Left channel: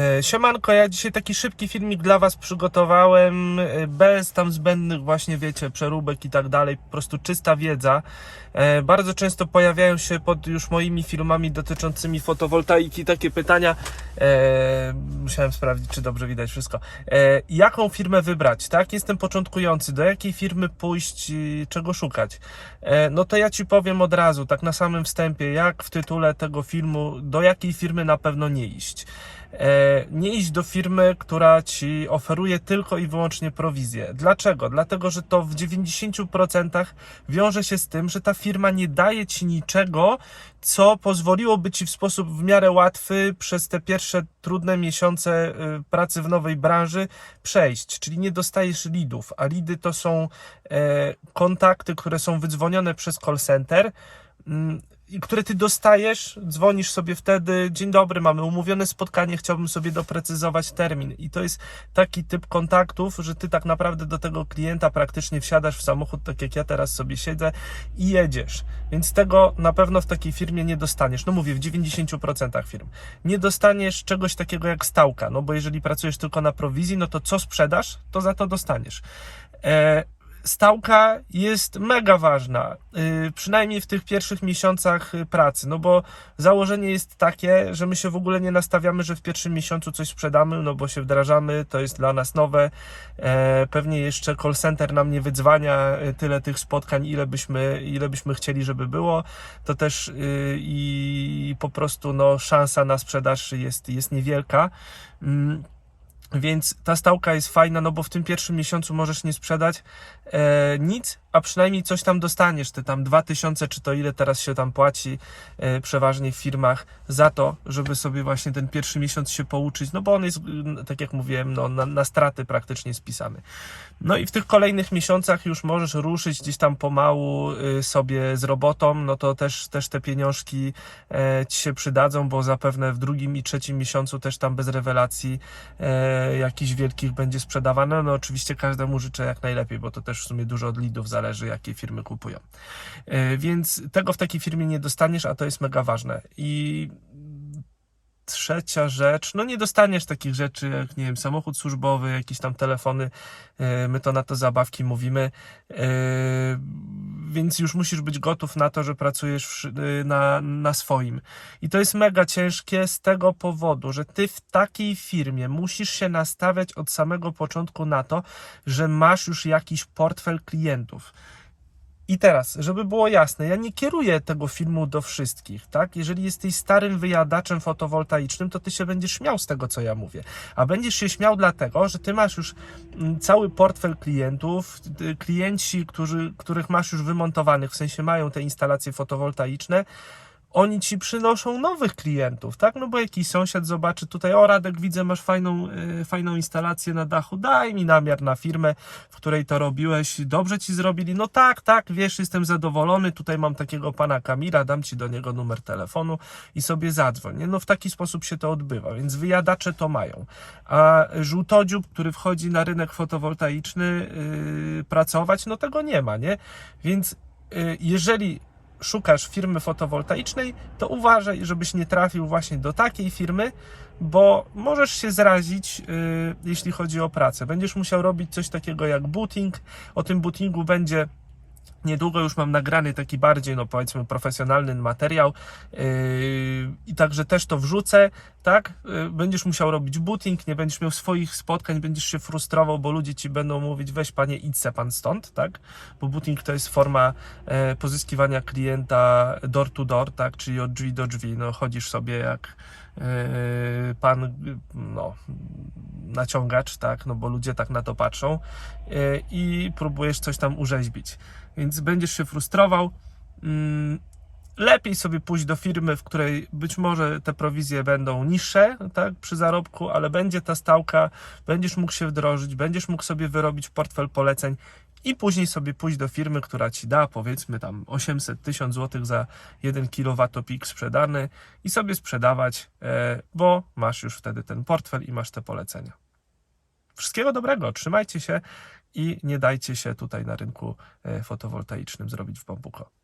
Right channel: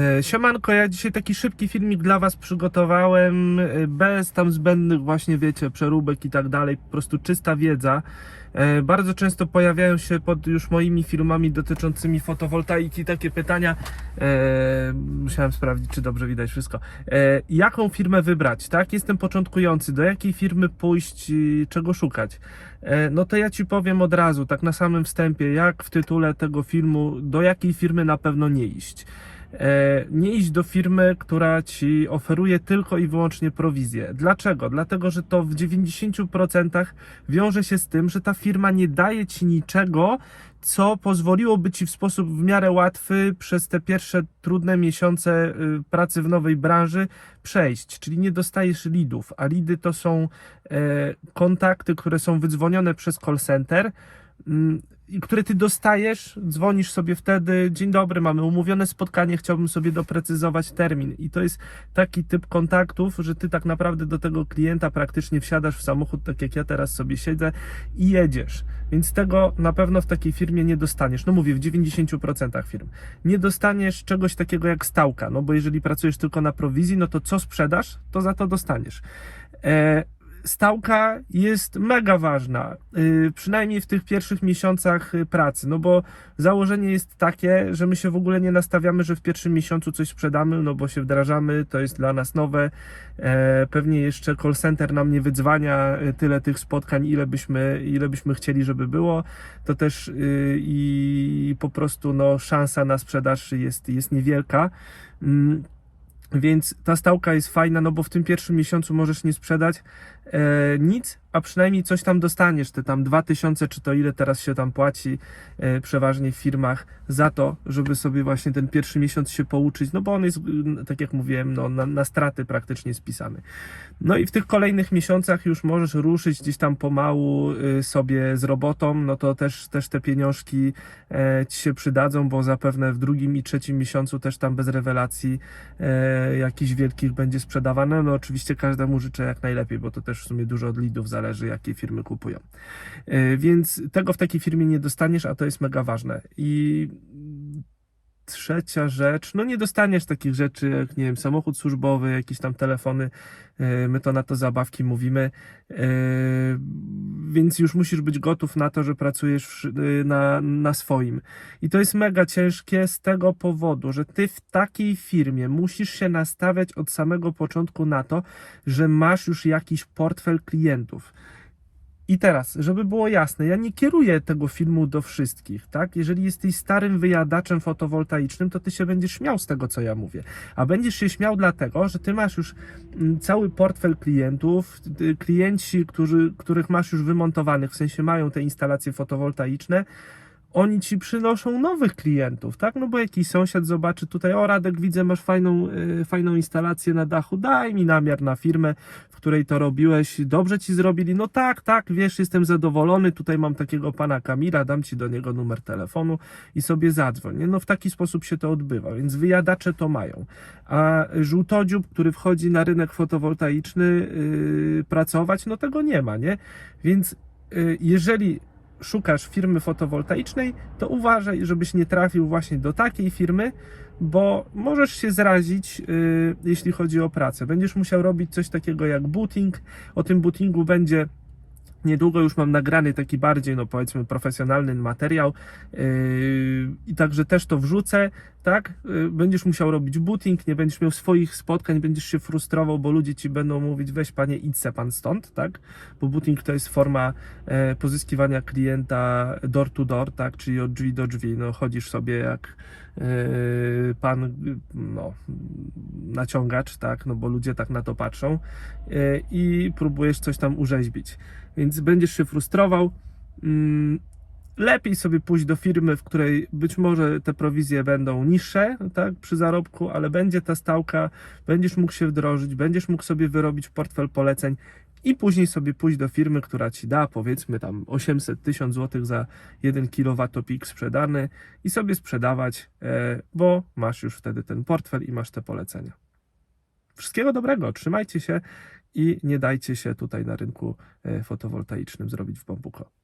E, Siemanko, ja dzisiaj taki szybki filmik dla Was przygotowałem, e, bez tam zbędnych właśnie, wiecie, przeróbek i tak dalej, po prostu czysta wiedza. E, Bardzo często pojawiają się pod już moimi filmami dotyczącymi fotowoltaiki takie pytania. Musiałem sprawdzić, czy dobrze widać wszystko. Jaką firmę wybrać, tak? Jestem początkujący, do jakiej firmy pójść, czego szukać? No to ja Ci powiem od razu, tak na samym wstępie, jak w tytule tego filmu, do jakiej firmy na pewno nie iść. E, nie iść do firmy, która ci oferuje tylko i wyłącznie prowizję. Dlaczego? Dlatego, że to w 90% wiąże się z tym, że ta firma nie daje ci niczego, co pozwoliłoby ci w sposób w miarę łatwy przez te pierwsze trudne miesiące y, pracy w nowej branży przejść. Czyli nie dostajesz leadów, a leady to są e, kontakty, które są wydzwonione przez call center. Mm, które ty dostajesz, dzwonisz sobie wtedy, dzień dobry, mamy umówione spotkanie, chciałbym sobie doprecyzować termin. I to jest taki typ kontaktów, że ty tak naprawdę do tego klienta praktycznie wsiadasz w samochód, tak jak ja teraz sobie siedzę i jedziesz. Więc tego na pewno w takiej firmie nie dostaniesz. No mówię, w 90% firm. Nie dostaniesz czegoś takiego jak stałka, no bo jeżeli pracujesz tylko na prowizji, no to co sprzedasz, to za to dostaniesz. E, stałka jest mega ważna, yy, przynajmniej w tych pierwszych miesiącach y, pracy, no bo założenie jest takie, że my się w ogóle nie nastawiamy, że w pierwszym miesiącu coś sprzedamy, no bo się wdrażamy, to jest dla nas nowe, e, pewnie jeszcze call center nam nie wydzwania y, tyle tych spotkań, ile byśmy, ile byśmy chcieli, żeby było, to też y, i po prostu no, szansa na sprzedaż jest, jest niewielka. Mm, więc ta stałka jest fajna, no bo w tym pierwszym miesiącu możesz nie sprzedać e, nic, a przynajmniej coś tam dostaniesz, te tam 2000 czy to ile teraz się tam płaci e, przeważnie w firmach za to, żeby sobie właśnie ten pierwszy miesiąc się pouczyć, no bo on jest, tak jak mówiłem, no, na, na straty praktycznie spisany. No i w tych kolejnych miesiącach już możesz ruszyć gdzieś tam pomału y, sobie z robotą, no to też, też te pieniążki e, ci się przydadzą, bo zapewne w drugim i trzecim miesiącu też tam bez rewelacji e, jakichś wielkich będzie sprzedawane. No oczywiście każdemu życzę jak najlepiej, bo to też w sumie dużo od lidów zależy, jakie firmy kupują. E, więc tego w takiej firmie nie dostaniesz, a to jest mega ważne. I trzecia rzecz, no nie dostaniesz takich rzeczy jak, nie wiem, samochód służbowy, jakieś tam telefony, e, my to na to zabawki mówimy, e, więc już musisz być gotów na to, że pracujesz szy- na, na swoim. I to jest mega ciężkie z tego powodu, że ty w takiej firmie musisz się nastawiać od samego początku na to, że masz już jakiś portfel klientów. I teraz, żeby było jasne, ja nie kieruję tego filmu do wszystkich, tak? Jeżeli jesteś starym wyjadaczem fotowoltaicznym, to ty się będziesz śmiał z tego, co ja mówię. A będziesz się śmiał dlatego, że ty masz już mm, cały portfel klientów, klienci, którzy, których masz już wymontowanych, w sensie mają te instalacje fotowoltaiczne, oni ci przynoszą nowych klientów, tak? No bo jakiś sąsiad zobaczy tutaj, o Radek, widzę, masz fajną, e, fajną instalację na dachu, daj mi namiar na firmę, w której to robiłeś, dobrze ci zrobili, no tak, tak, wiesz, jestem zadowolony, tutaj mam takiego pana Kamila, dam ci do niego numer telefonu i sobie zadzwoń, nie? No w taki sposób się to odbywa, więc wyjadacze to mają, a żółtodziób, który wchodzi na rynek fotowoltaiczny yy, pracować, no tego nie ma, nie? Więc yy, jeżeli szukasz firmy fotowoltaicznej, to uważaj, żebyś nie trafił właśnie do takiej firmy, bo możesz się zrazić, yy, jeśli chodzi o pracę. Będziesz musiał robić coś takiego jak booting. O tym bootingu będzie Niedługo już mam nagrany taki bardziej, no powiedzmy, profesjonalny materiał yy, i także też to wrzucę, tak? Yy, będziesz musiał robić booting, nie będziesz miał swoich spotkań, będziesz się frustrował, bo ludzie ci będą mówić, weź panie, idź se pan stąd, tak? Bo booting to jest forma e, pozyskiwania klienta door to door, tak? Czyli od drzwi do drzwi, no chodzisz sobie jak pan, no, naciągacz, tak? No bo ludzie tak na to patrzą e, i próbujesz coś tam urzeźbić więc będziesz się frustrował. Mm, Lepiej sobie pójść do firmy, w której być może te prowizje będą niższe tak, przy zarobku, ale będzie ta stałka, będziesz mógł się wdrożyć, będziesz mógł sobie wyrobić portfel poleceń i później sobie pójść do firmy, która ci da powiedzmy tam 800 1000 zł za 1 kWp sprzedany i sobie sprzedawać, e, bo masz już wtedy ten portfel i masz te polecenia. Wszystkiego dobrego, trzymajcie się i nie dajcie się tutaj na rynku e, fotowoltaicznym zrobić w bambuko.